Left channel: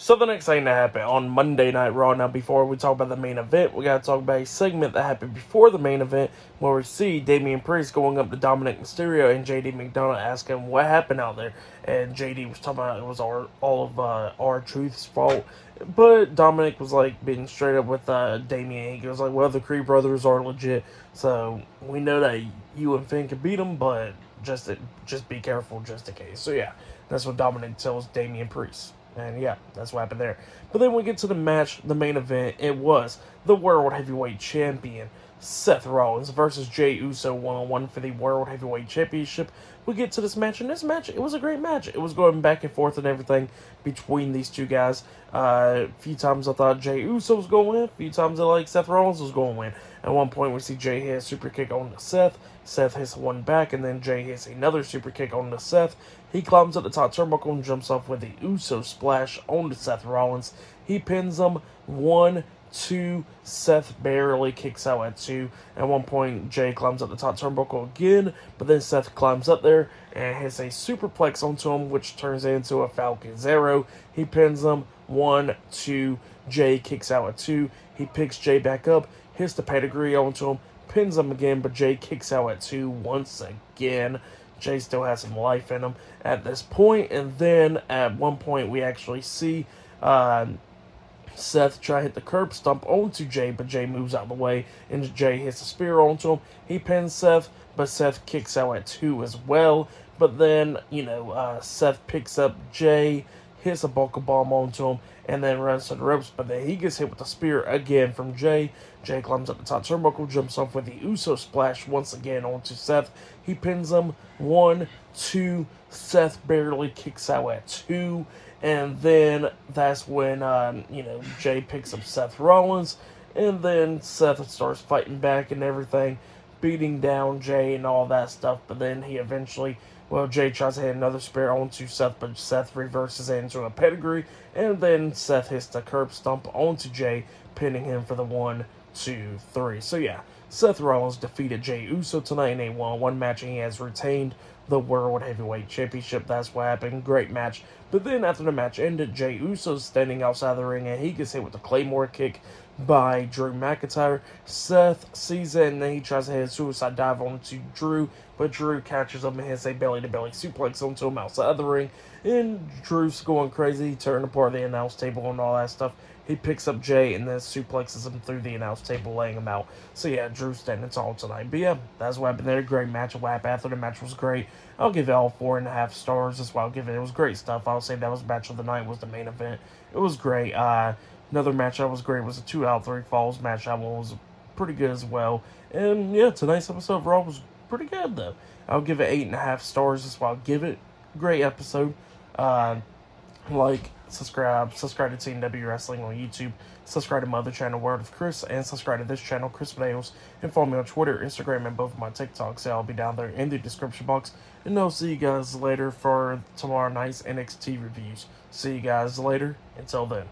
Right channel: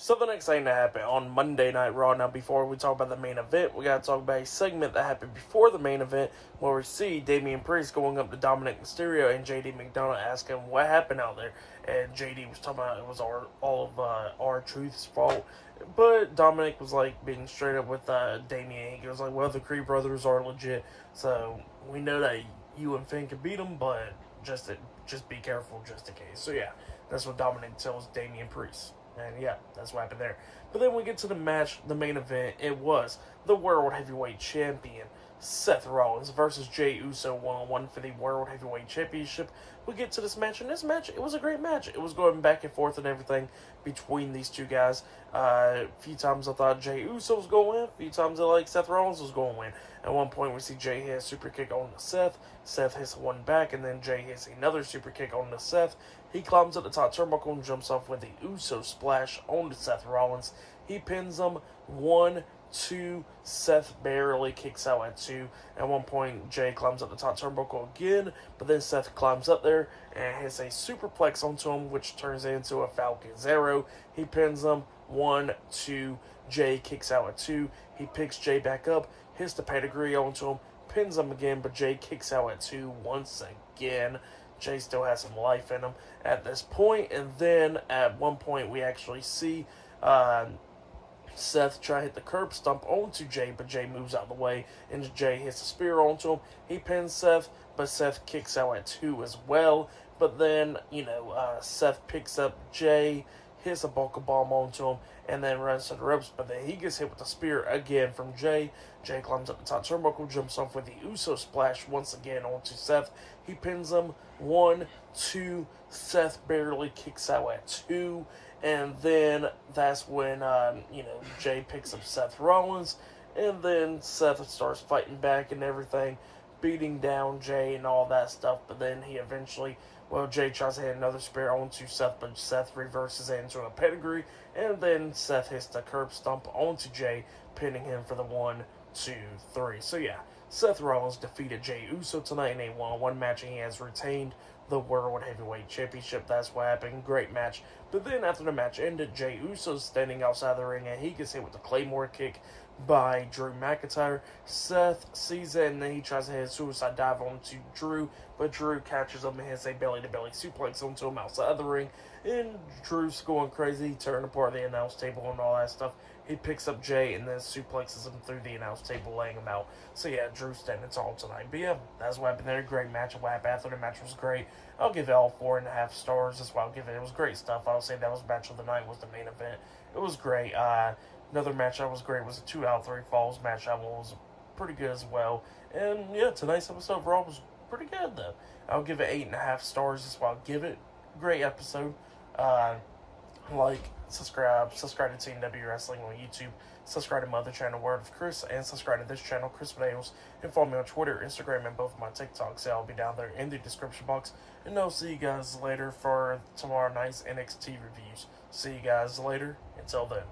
So the next thing that happened on Monday Night Raw, now before we talk about the main event, we gotta talk about a segment that happened before the main event, where we see Damian Priest going up to Dominic Mysterio and JD McDonough asking him what happened out there, and JD was talking about it was all of R-Truth's fault, but Dominic was like being straight up with Damian. He goes like, well, the Creed brothers are legit, so we know that you and Finn can beat them, but just be careful just in case. So yeah, that's what Dominic tells Damian Priest. And yeah, that's what happened there. But then we get to the match, the main event. It was the World Heavyweight Champion, Seth Rollins, versus Jey Uso one-on-one for the World Heavyweight Championship. We get to this match, and this match, it was a great match. It was going back and forth and everything between these two guys. A few times I thought Jey Uso was going to win. A few times I like Seth Rollins was going to win. At one point, we see Jey hit a super kick on to Seth. Seth hits one back, and then Jey hits another super kick on to Seth. He climbs up the top turnbuckle and jumps off with the Uso splash onto Seth Rollins. He pins him 1, 2. Seth barely kicks out at 2. At one point, Jey climbs up the top turnbuckle again, but then Seth climbs up there and hits a superplex onto him, which turns into a Falcon Zero. He pins him 1, 2. Jey kicks out at 2. He picks Jey back up, hits the pedigree onto him, pins him again, but Jey kicks out at 2 once again. Jey still has some life in him at this point, and then at one point we actually see Seth try to hit the curb stomp onto Jey, but Jey moves out of the way, and Jey hits a spear onto him. He pins Seth, but Seth kicks out at 2 as well. But then, Seth picks up Jey, hits a buckle bomb onto him, and then runs to the ropes, but then he gets hit with a spear again from Jey. Jey climbs up the top turnbuckle, jumps off with the Uso splash once again onto Seth. He pins him 1, 2. Seth barely kicks out at 2. And then that's when, Jey picks up Seth Rollins. And then Seth starts fighting back and everything, beating down Jey and all that stuff. But then he eventually, Jey tries to hit another spear onto Seth, but Seth reverses it into a pedigree. And then Seth hits the curb stomp onto Jey, pinning him for the 1, 2, 3. So yeah, Seth Rollins defeated Jey Uso tonight in a one-on-one match, and he has retained the World Heavyweight Championship. That's what happened. Great match. But then after the match ended, Jey Uso's standing outside the ring, and he gets hit with a Claymore kick by Drew McIntyre. Seth sees it, and then he tries to hit a suicide dive onto Drew, but Drew catches him and hits a belly-to-belly suplex onto him outside the ring. And Drew's going crazy, tearing apart the announce table and all that stuff. He picks up Jey and then suplexes him through the announce table, laying him out. So yeah, Drew's standing tall tonight. But yeah, that's what happened there. Great match. What happened after the match was great. I'll give it all 4.5 stars. That's why I'll give it. It was great stuff. I'll say that was match of the night, was the main event. It was great. Another match that was great was a 2 out of 3 falls match. That one was pretty good as well. And yeah, tonight's episode of Raw was pretty good though. I'll give it 8.5 stars. That's why I'll give it. Great episode. Subscribe to Team W Wrestling on YouTube, subscribe to my other channel, Word of Chris, and subscribe to this channel, Chris Videos, and follow me on Twitter, Instagram, and both of my TikToks. I'll be down there in the description box, and I'll see you guys later for tomorrow night's NXT reviews. See you guys later. Until then.